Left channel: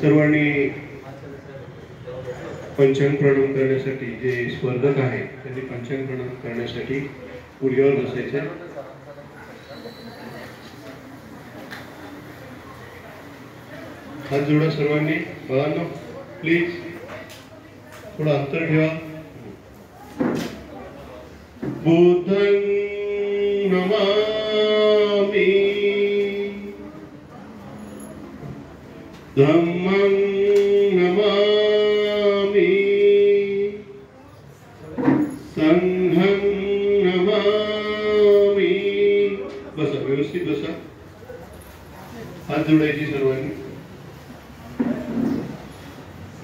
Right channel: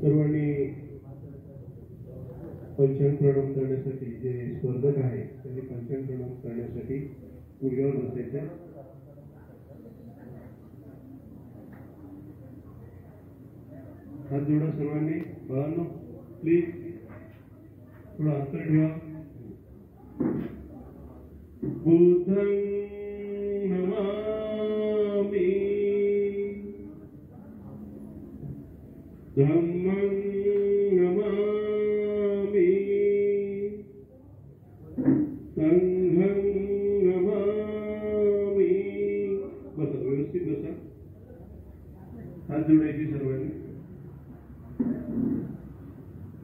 सर्वांनी पंचांग प्रणाम करण्यासाठी जे स्पर्धक आहेत त्यांनी पंचांग प्रणाम करण्यासाठी गुडघ्यावर बसायचे। हात जोडा सर्वांनी। बाळांनो प्लीज थोडं अंतर ठेवा। बुद्धं नमामि धम्मं नमामि संघं नमामि। बसा, व्यवस्थित बसा। हात जोडायचे सर्वांनी।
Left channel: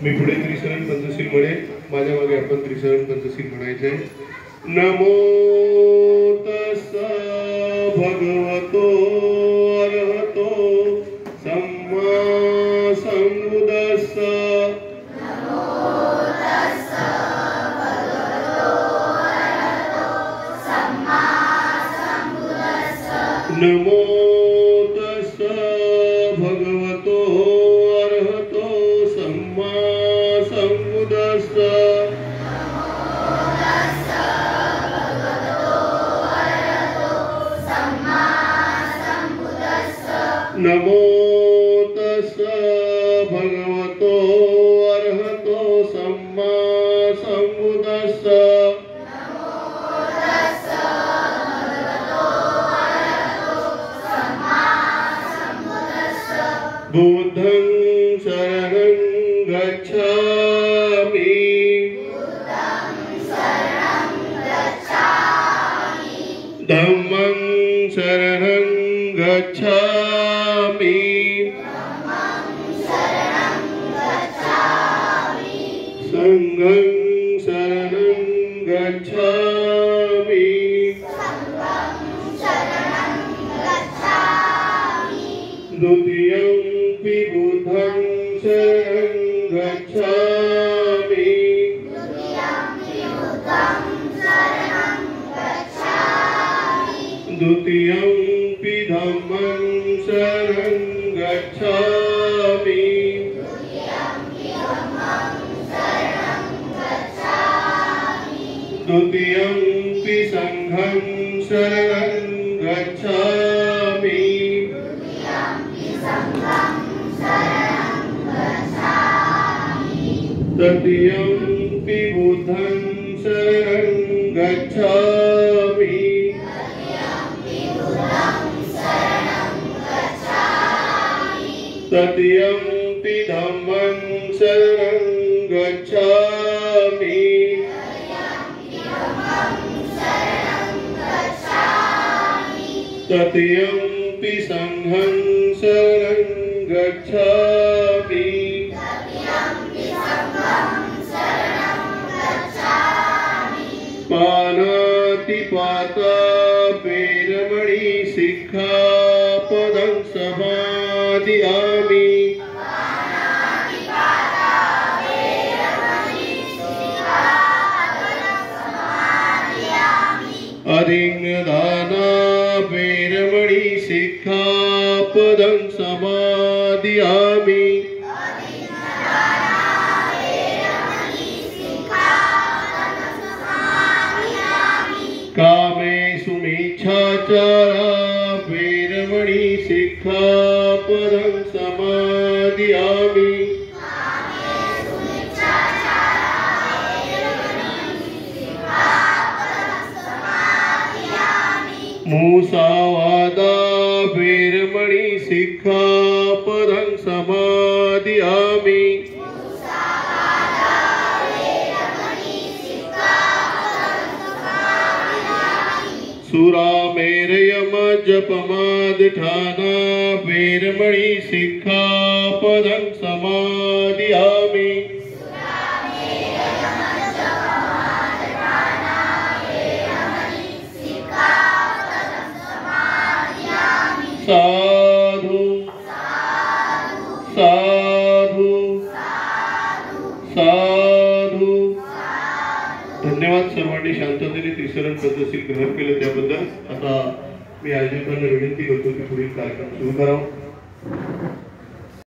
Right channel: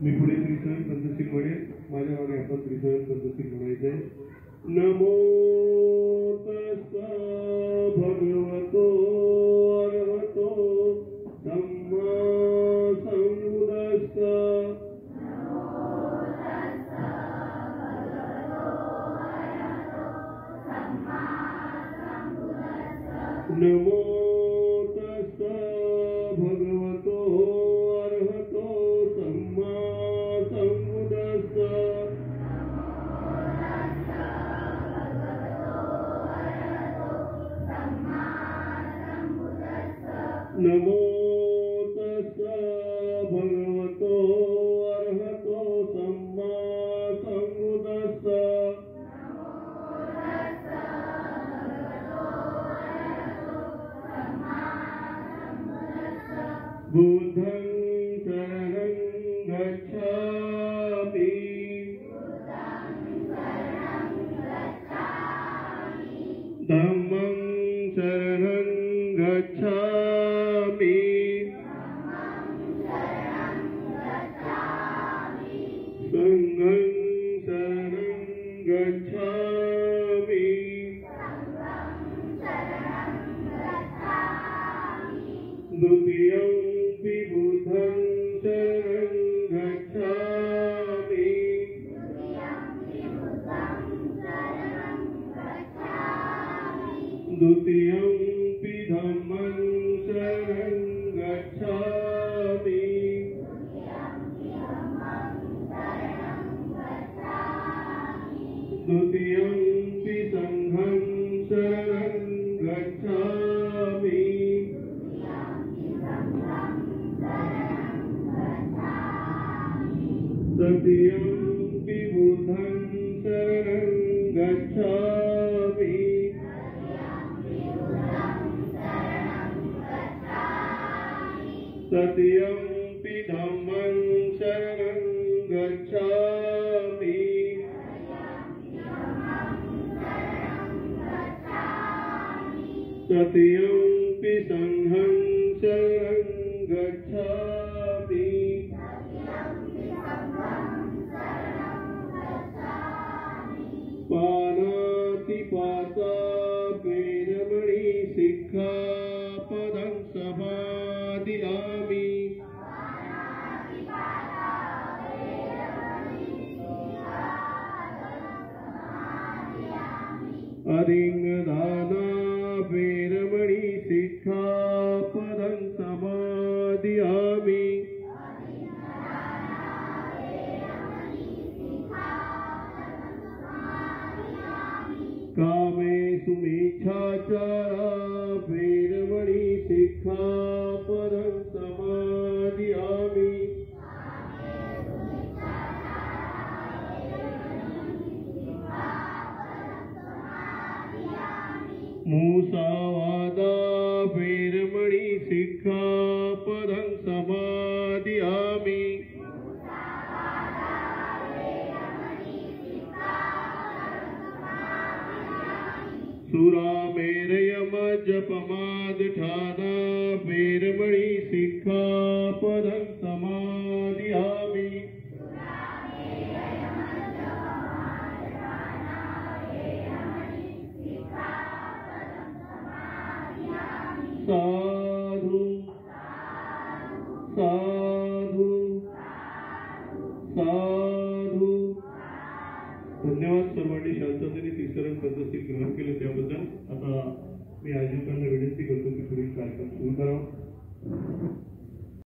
मी पुढे त्रिशरण पंचशील म्हणेन, माझ्या मागे आपण त्रिशरण पंचशील म्हणायचे। नमो तस्स भगवतो अरहतो सम्मा सम्बुद्धस्स। नमो तस्स भगवतो अरहतो सम्मा सम्बुद्धस्स। नमो तस्स भगवतो अरहतो सम्मा सम्बुद्धस्स। नमो तस्स भगवतो अरहतो सम्मा सम्बुद्धस्स। बुद्धं शरणं गच्छामि धम्मं शरणं गच्छामि संघं शरणं गच्छामि। द्वितीयंपि बुद्धं शरणं गच्छामि द्वितीयंपि धम्मं शरणं गच्छामि द्वितीयंपि संघं शरणं गच्छामि तृतीयंपि बुद्धं शरणं गच्छामि तृतीयंपि धम्मं शरणं गच्छामि तृतीयंपि संघं शरणं गच्छामि। पानातिपाता वेरमणि सिक्खापदं समादियामि अधिन्नदाना वेरमणि सिक्खापदं समादियामि कामेषु मिच्छाचारा वेरमणि सिक्खापदं समादियामि मुसावादा वेरमणि सिक्खापदं समादियामि सुरामेरयम जपमादठाना वेरमणि सिक्खापदं समादियामि साधु साधु साधु। धन्यवाद सर्वांनी शांततेने त्रिशरण पद्धतशीर ग्रहण केलं त्याबद्दल। आता मी आयोजकांना विनंती करतो की पुढील कार्यक्रम सुरू करावा।